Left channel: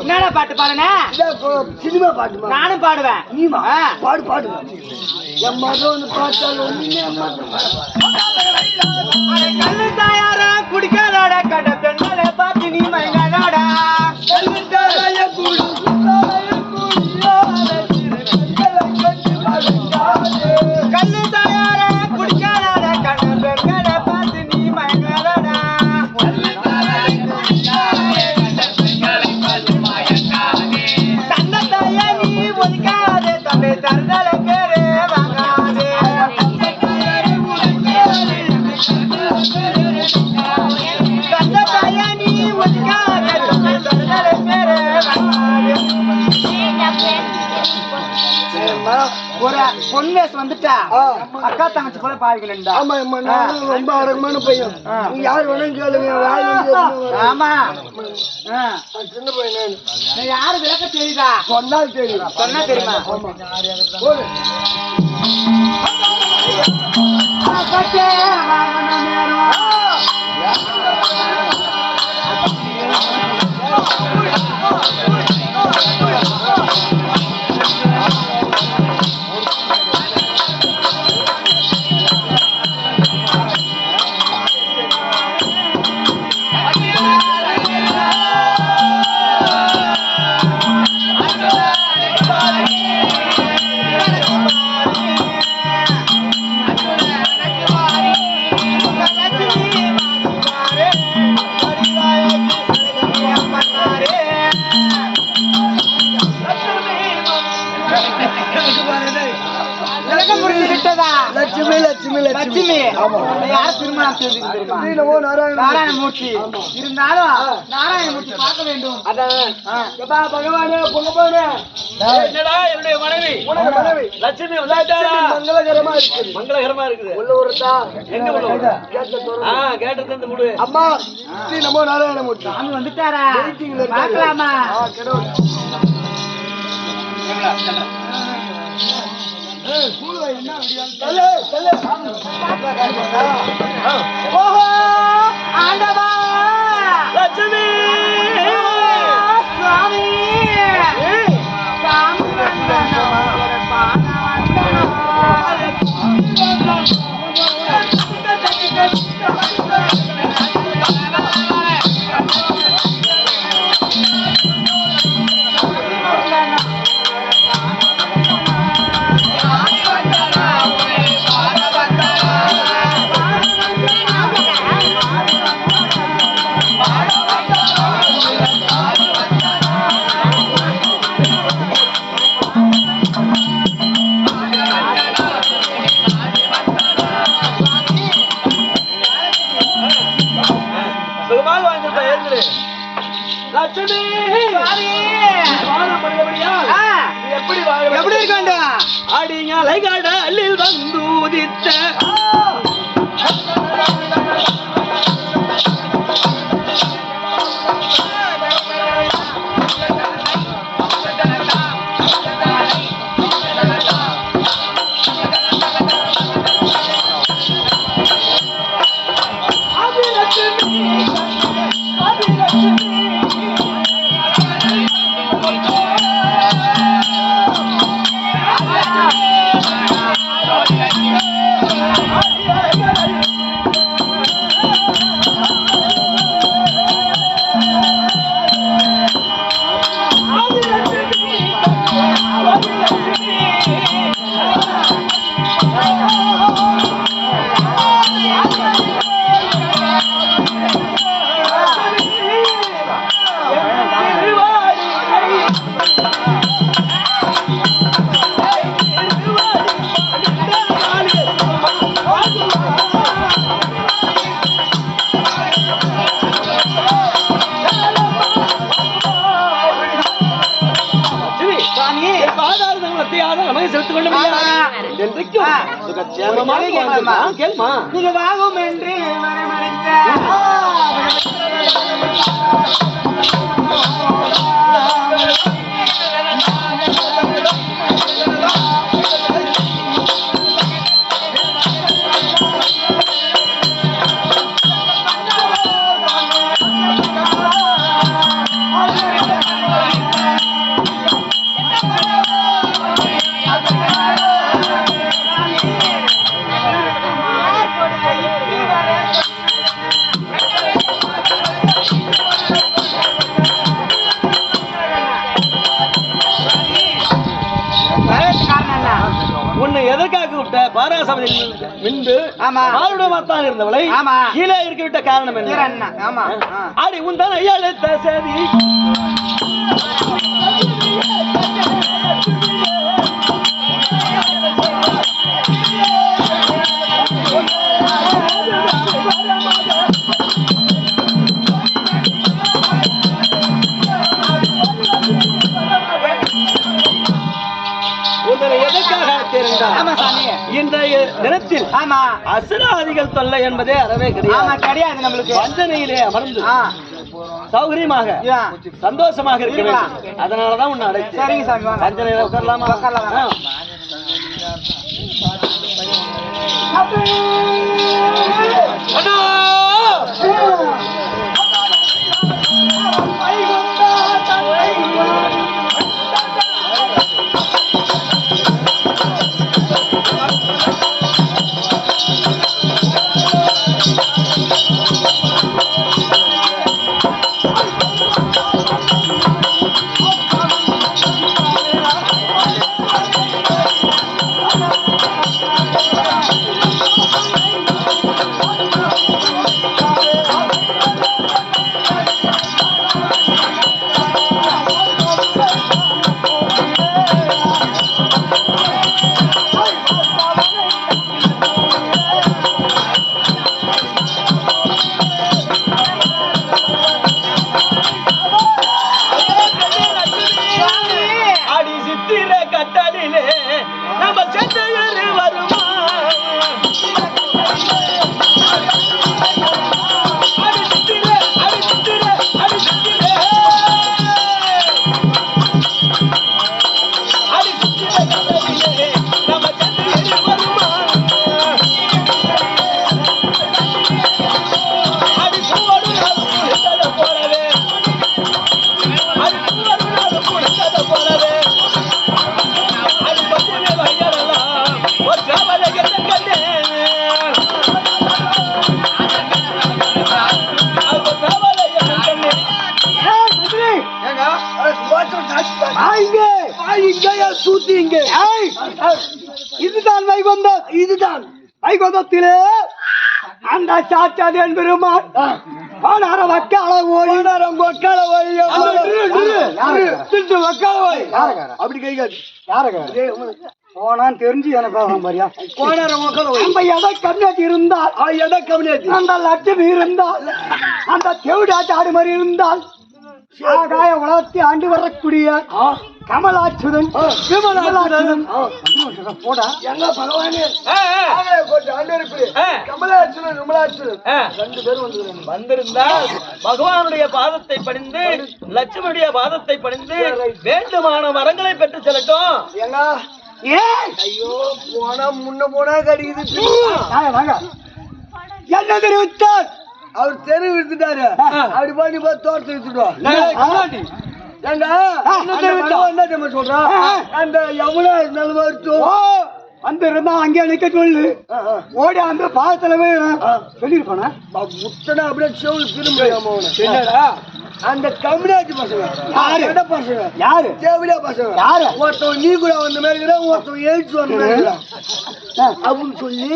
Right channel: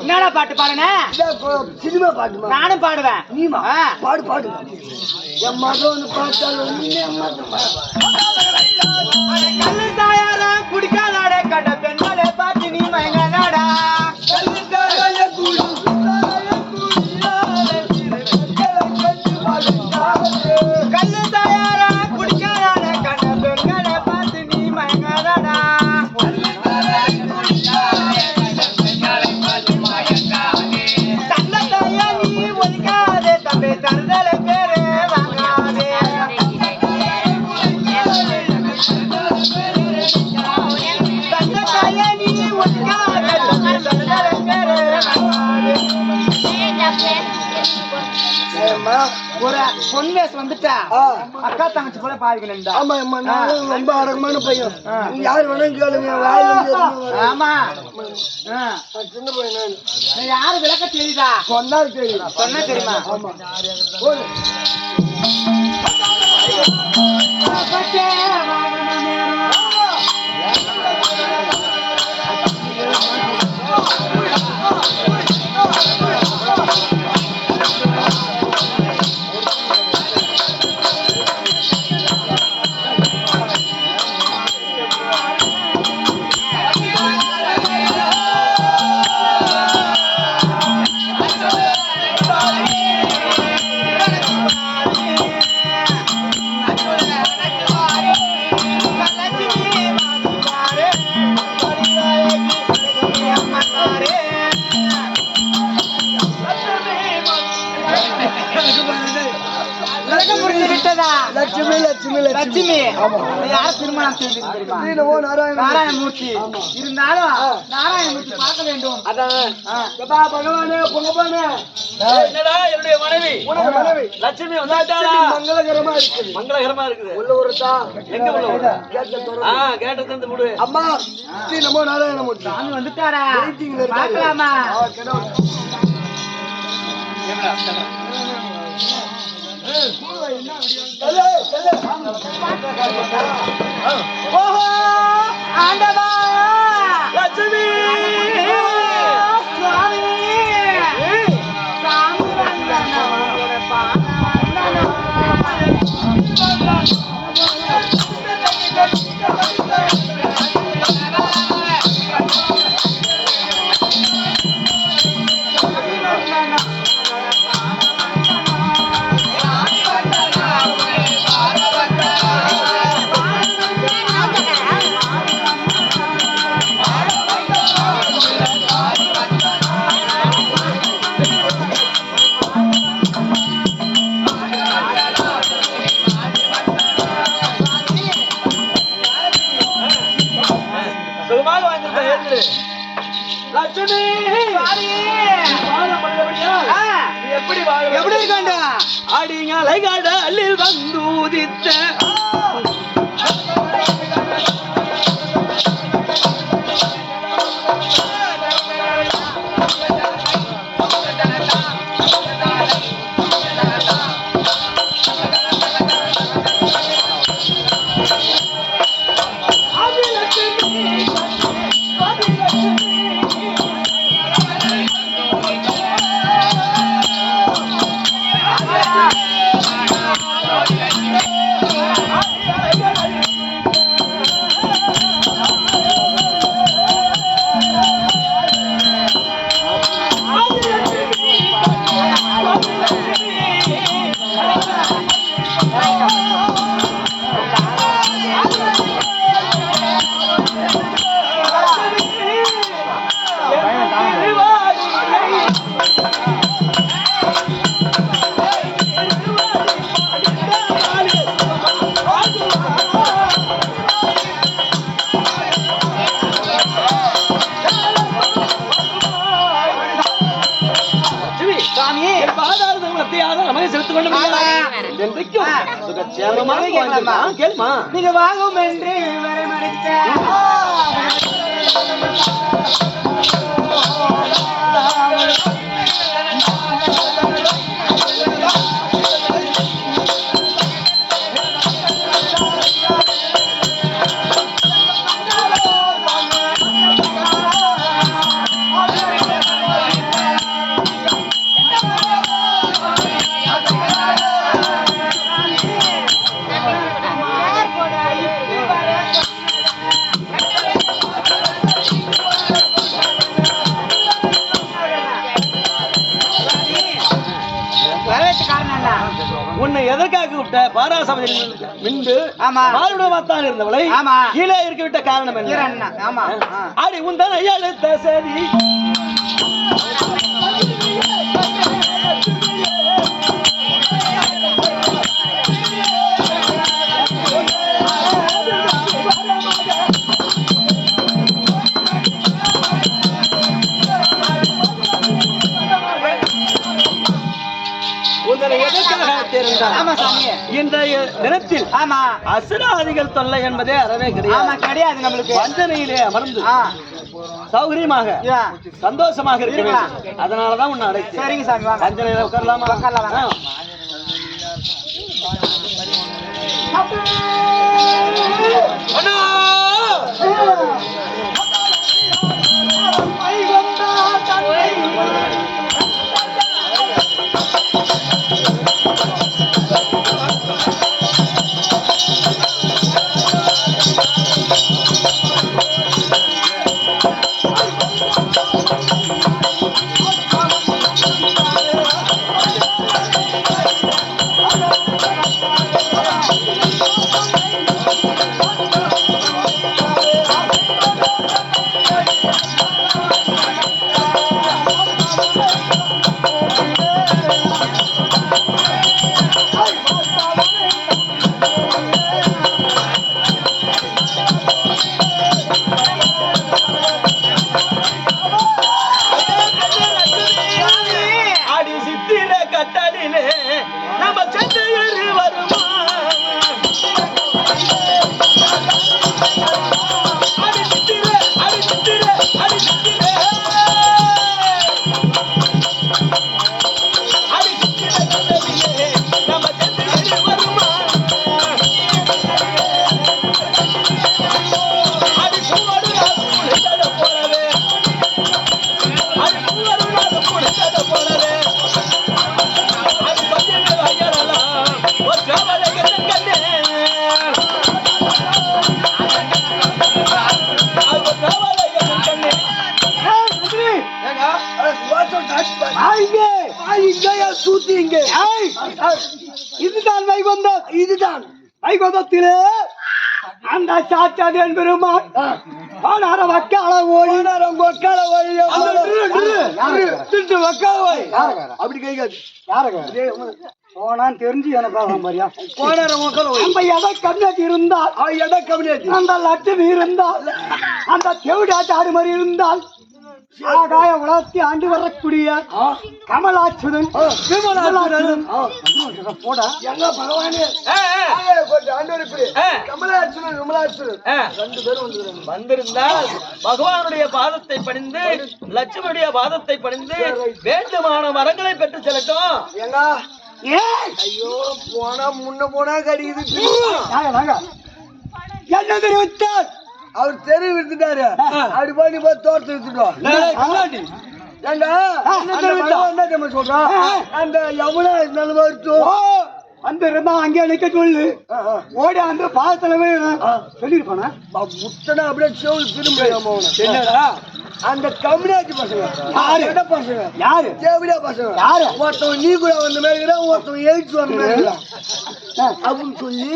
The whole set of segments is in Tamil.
என்னடா பாட்டு பாடுனே? சினிமா பாட்டு. நானும் பாடுவேன். நீமா பாடு பாடு. என் மகன் வந்து பார்த்தாலும் கல்லு தாயார குடிக்காதாட கட்ட பெண்களை பார்த்து நீ மயங்காதாடா. கல்லு தாயார குடிக்காதாட கட்ட பெண்களை பார்த்து நீ மயங்காதாடா. தன்னை தாயா நீ ஒதுக்காதே தம்பி தருதலை பேரு வாங்காதே. தன்னை தாயா நீ ஒதுக்காதே தம்பி தருதலை பேரு வாங்காதே. ஒரு பொன் வேஸ் வந்துட்டா அக்கா தங்கச்சி போல பாவிக்கணும்டா. ஆமா ரொம்ப அடக்கமான பையன். யாரு வேணும் கேளுங்க. ஆமா சின்ன பையன். யாரு விளக்க தெரியுதா? சொன்னால் தெரியும். சொன்னா தெரியுமா? ஆமா லட்சுமி லட்சுமி லட்சுமி. யார திருமணம் தெரியுமா? நாராயணமூர்த்தி. இருந்தாலும் நாராயணமூர்த்தி பார்க்க வேண்டும். பகவானே பொங்கப்பானே. என்னடா என்னுடைய மனைவி மனைவி லட்சுமி வந்தாட்டாளா? மங்களகரமா இருக்குது. மங்களகரமா இருக்குது. உள்ள ஒருத்தா எங்க உள்ள ஒரு கேட்ட தந்து விடு. அம்மா ஸ்ரீ நமோ நாராயணமூர்த்தி. சாமி வந்துட்டாரா? பார்க்கலாமா? ஓஹோ ஆண்டவா லட்சுமி சுவாமி சாமி வந்தனோ பான வந்தனோ. லட்சுமி எப்படி இருக்காண்டா? அடிங்களை கடலில் வந்து உதித்த வார்த்தையாக நமக்கு செலுத்திக் கொண்டு என்றைக்கும் சுகட்சேமமாக வாழ்ந்திருக்கலாம். கேளுமா நீங்க வாங்கும் என்று உன்னை எதற்காக விட்ட பாராசபையில் மின்பு மாறுடமாத்தான் இருந்தவளை கீழே இருக்க விட்ட காரணம் என்ன? அடி உந்தன் எழுத்த சதி எதற்காக இன்றைய தினத்தில் அசுராதிகள் தொல்லை என்பதே அறவே கிடையாது. நம்மளுக்கு வஞ்சனையிலே அமர்ந்து சௌகரியமாக சந்தோஷமாக இருக்க வேண்டும். அதனாலதான் உன்னை அழைத்து. சரிங்க சாமி, வஞ்சனையில உட்காரலாமா? இதுதான் வைகுந்தம். இதுதான் வைகுந்தத்திலே அந்த சாச்சாரியன் பெருமாள் அப்படி கை காட்டு போனான்னு தெரிஞ்சு எனக்கு மாதிரியா நம்ம எடை கண்ணாடி இருந்தால் எடை கம்மியாச்சு அந்த லட்சம் இருந்தால் அந்த தேவடாச்சு ஆடு மாதிரி இருந்தால் ஆகாய உலகத்தை ஆண்டு வரக்கூடிய கமலாச்சுதன் போடா எங்க பகவானே கமலாச்சுதன் விமலாச்சுதன் 2 பேரும் வந்திருந்தால் பகவானுடைய பாதத்தை பணிந்து லட்சுமணுடைய பாதத்தை பணிந்து வேண்டுமான வரங்களை பெற்று செல்லட்டும். எங்க ஐயோ போனா முன்ன போனா கடிக்குது என்ன தெரிவித்தார் அவர் தெரு விடுத்துட்டாரு. அப்படி பண்ணி போய் தோட்டத்தை வித்துட்டோம். சொல்றா அந்த யமுனா அந்த இருந்தா அங்கே நிக்க சொல்லு ஓடி அந்த பாதத்துல சொல்லிருப்பானா முட்டனா அப்படியே செவல் திரும்ப அந்த கம்யூனிட்டி பசங்க பசங்க யாரு தேவடியா பசங்க யாரு ஒருத்தவன் நீ கூட வந்த மாதிரி இருக்கிறான் ஒருத்தவன் எழுச்சி வந்த மாதிரி இருக்கிறான் அப்படின்னு சொல்லி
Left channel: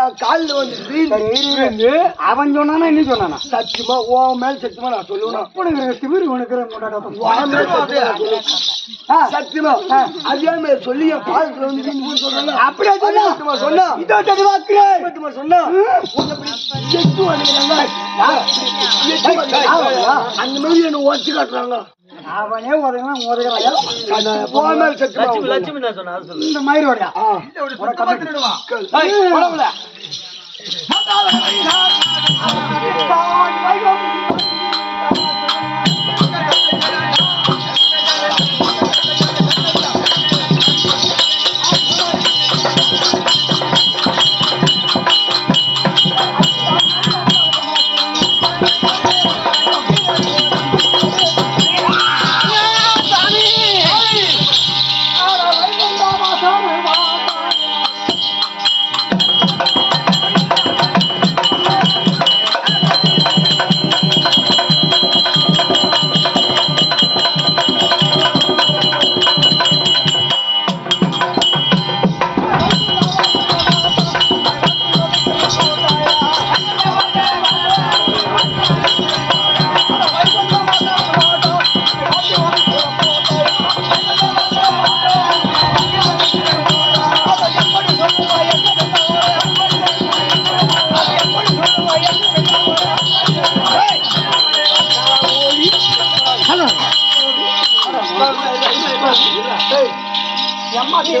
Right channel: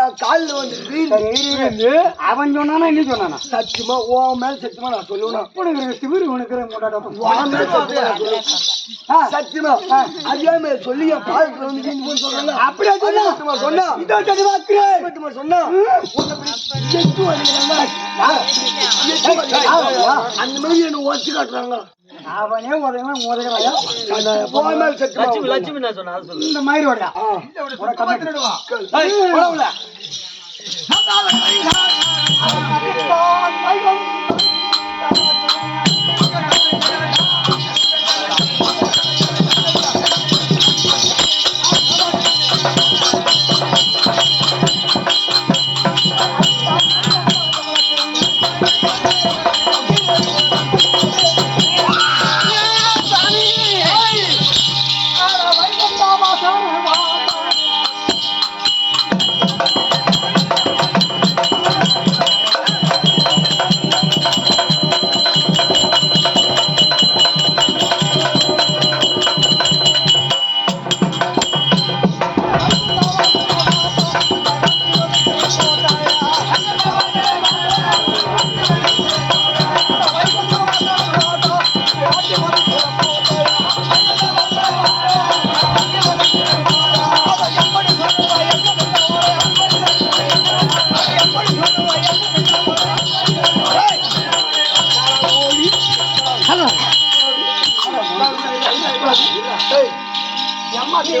என் காலில் வந்து அவன் சொன்னானா என்ன சொன்னானா சத்தியமா ஓ மேல சத்தியமா நான் சொல்லுவேன் திமிரு உனக்கு சத்தியமா அதே மாதிரி சொல்லி என் பாதத்துல வந்து சொல்றாங்க அப்படியே சொன்னா சொன்னா அந்த மாதிரி என்ன ஓச்சு காட்டுறாங்க அவனே உதவுறான் லட்சுமி நான் சொன்னேன் அது சொல்லு இந்த மயிரோட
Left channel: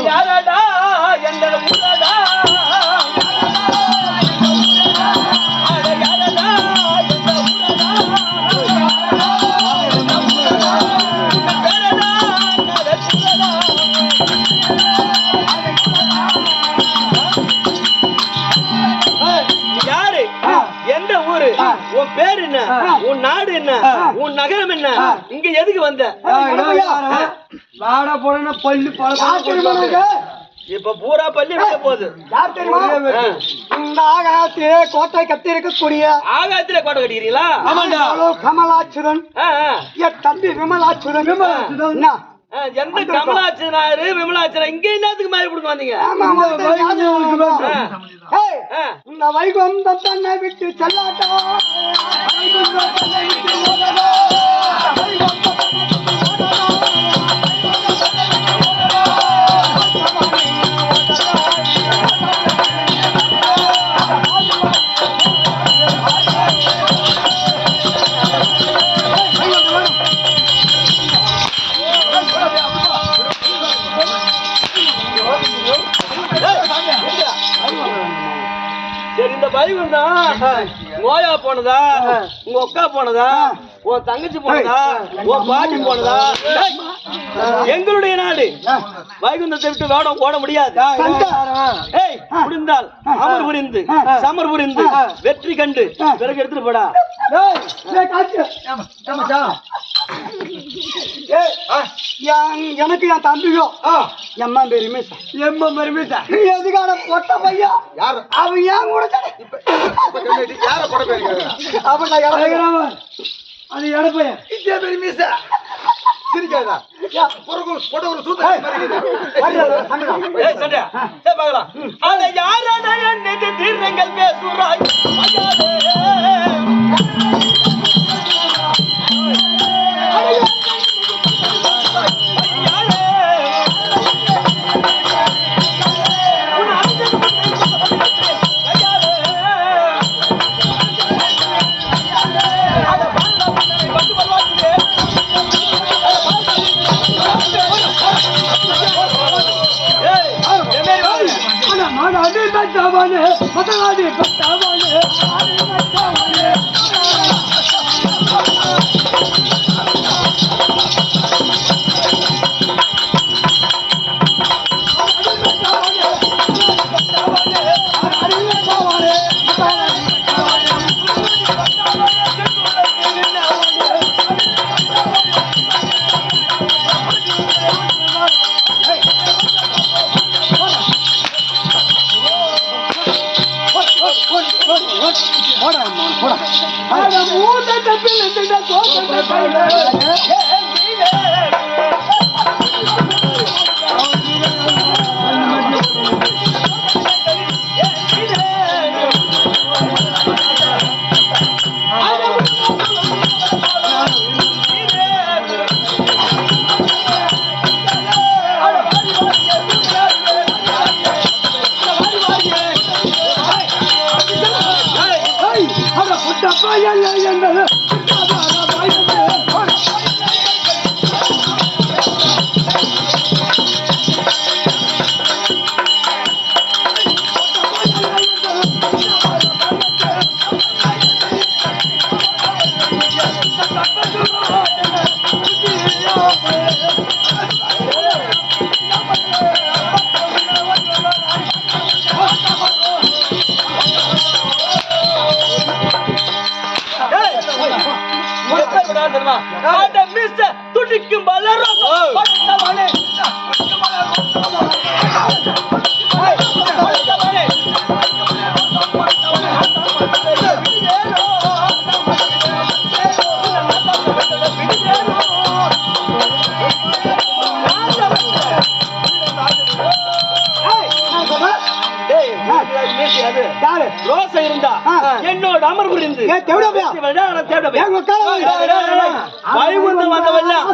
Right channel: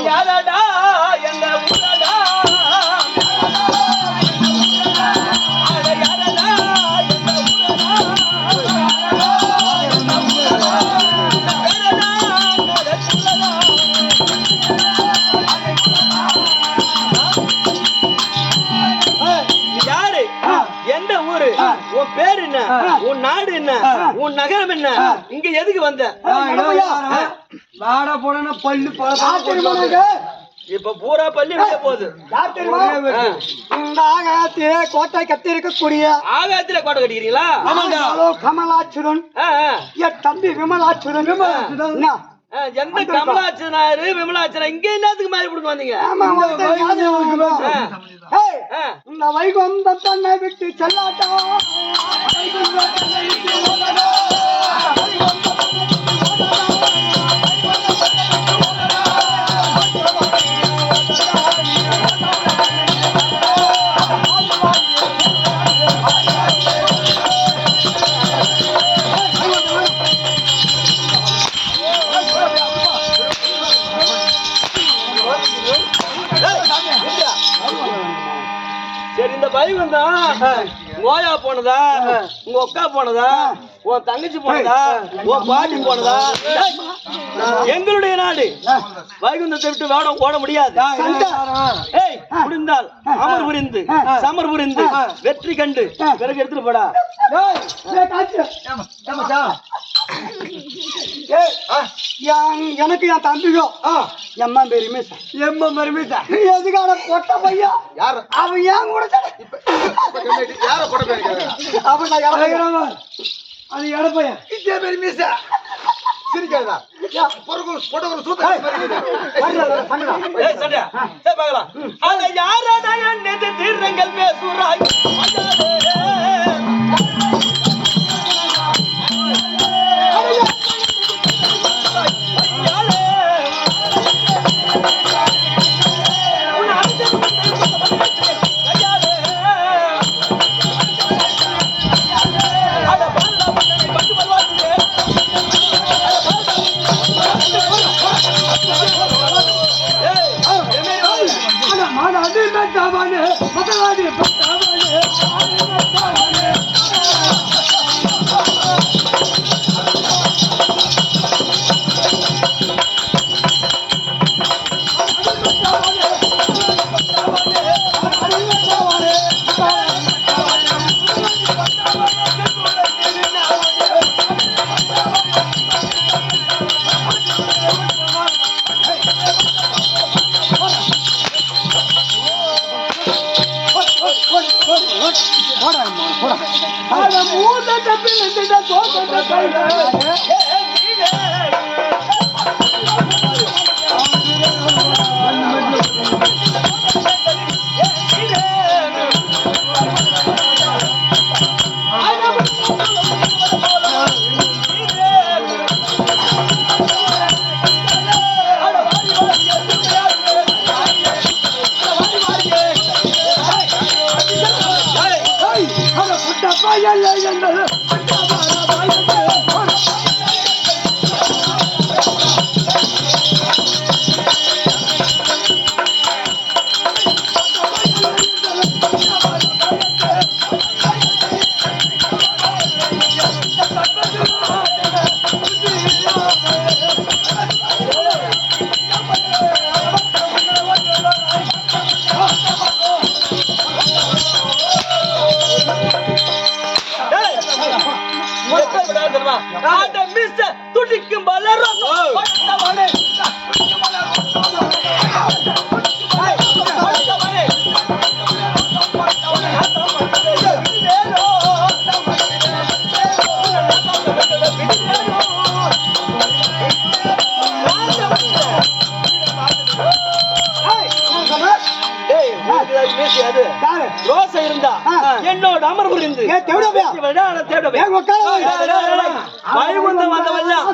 யாரடா என்ற ஊரடா எந்த ஊரு உன் பேர் என்ன உன் நாடு என்ன உன் நகரம் என்ன இங்க எதுக்கு வந்த வாடா போன பல்லு இப்ப பூரா பள்ளி வெளிய போகுது இந்த ஆகாயத்திலே கோட்டை கட்டி இருக்கக்கூடிய ஆகாயத்திலே கோட்டை கட்டிக்கிறீங்களா கமலாச்சுரன் என் தம்பி விமலாச்சுரன் எந்த கமலாச்சனாரு விமலாச்சனா இங்க என்னத்துக்கு மாதிரி கொடுக்க வந்தீங்க இந்த வைகுந்தம் தன்னை விட்டு செல்லாட்டா சரி இந்த வைகுந்தம் நோயா போனதா உங்க அக்கா போனதா உன் தங்கச்சி போனதா உன் பாட்டி போனதா எங்களுடைய நாடு வைகுந்தத்தை விட்டு வேடம் ஓட முடியாது முடிந்தால் அமர் புரிந்து சமர் புரிந்து வெற்றி கண்டு பிறகு எடுத்துட்டு போடா எனக்கு என் தம்பியோ எம்மா பெருமேசா எதுக்கான பொட்ட பையா அவன் ஏன் கூட அது எடப்பையன் பெருமேசா சிரிக்காதா தீர்ங்கள் பேசுறாய் துடிக்கும் பலரும் ரோசை இருந்தா என்னோட அமர்வு இருந்து வைகுந்தம் வந்தவெல்லாம்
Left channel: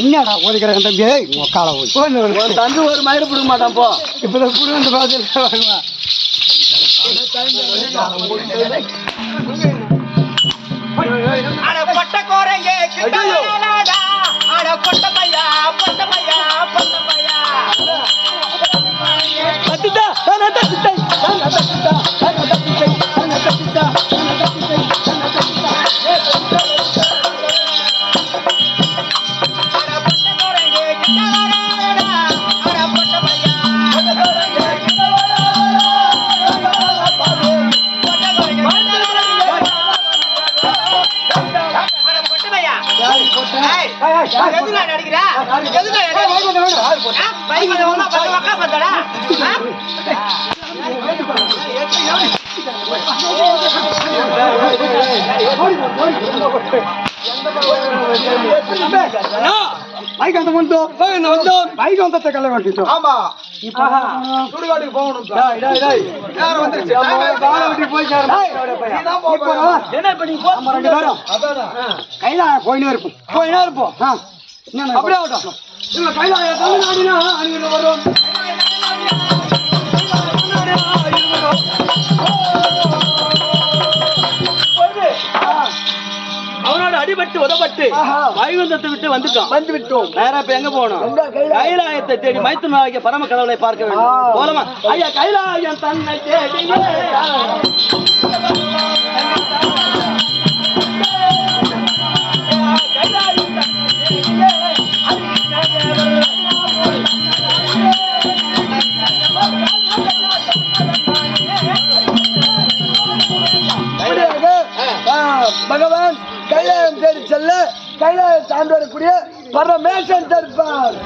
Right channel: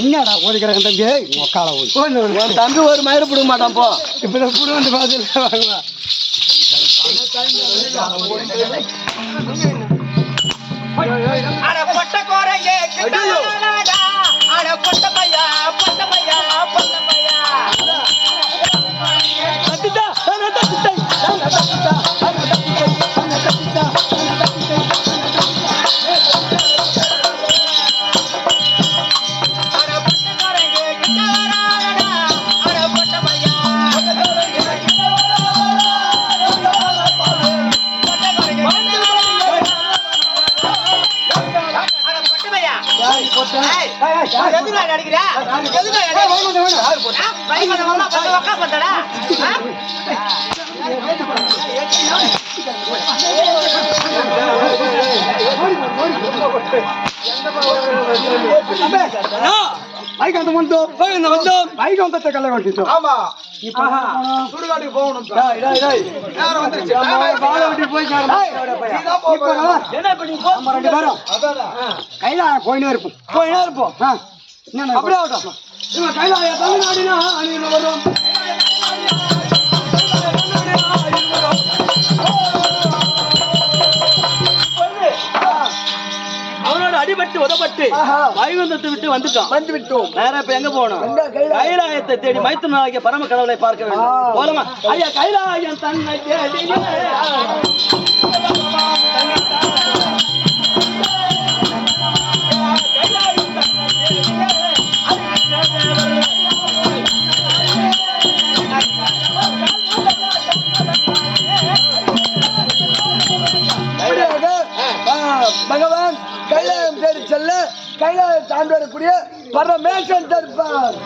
என்னடா ஓடிக்கிறாங்க தம்பி உக்கால போய் தம்பி ஒரு மயிறு பிடுங்க மாட்டான் போ இப்ப புடு வந்து பாத்து அட பட்ட கோரங்க கிட்டடா அட பட்ட பையா பட்ட பையா பட்ட பையா கட்டுடா நான் கட்டுடா நான் கட்டுடா நான் கட்டுடா அட பட்ட கோரங்க கிட்டடா அட பட்ட பையா எதுல நடிக்கிறா எதுல பைக் வந்து வந்தா பக்க பக்க வந்தடா பைக் அந்த வந்து பைக் வந்து கல்ல கொட்டிட்டு ஆமா இப்போ சுடுகாட்டுக்கு போகணும் டேய் டேய் டேய் நேரம் வந்துருச்சு பால விட்டு போய் சேர நீதான் போறா என்ன பண்ணி போ நம்ம ரெண்டு பேரும் கையில போயினே இருப்போம் என்ன அப்படியே ஆகட்டும் இவங்க கையில தமிழ்நாடுனா அணியில் வரும் அவனோட அடிபட்டு உதப்பட்டு வைகுந்தத்தை விட்டு வந்துட்டோம் நேரா இப்ப எங்க போகணும் கைலாயத்தை தேடி மைத்துனாகிய பரம கடவுளை பார்க்க வேண்டும் போலமா ஐயா கைலாயம் தன்னை தேடி பகவான் கைலாயம் தேடி செல்ல கைலாயம் தாண்டி வரக்கூடிய பரமேசன் தருப்பார்.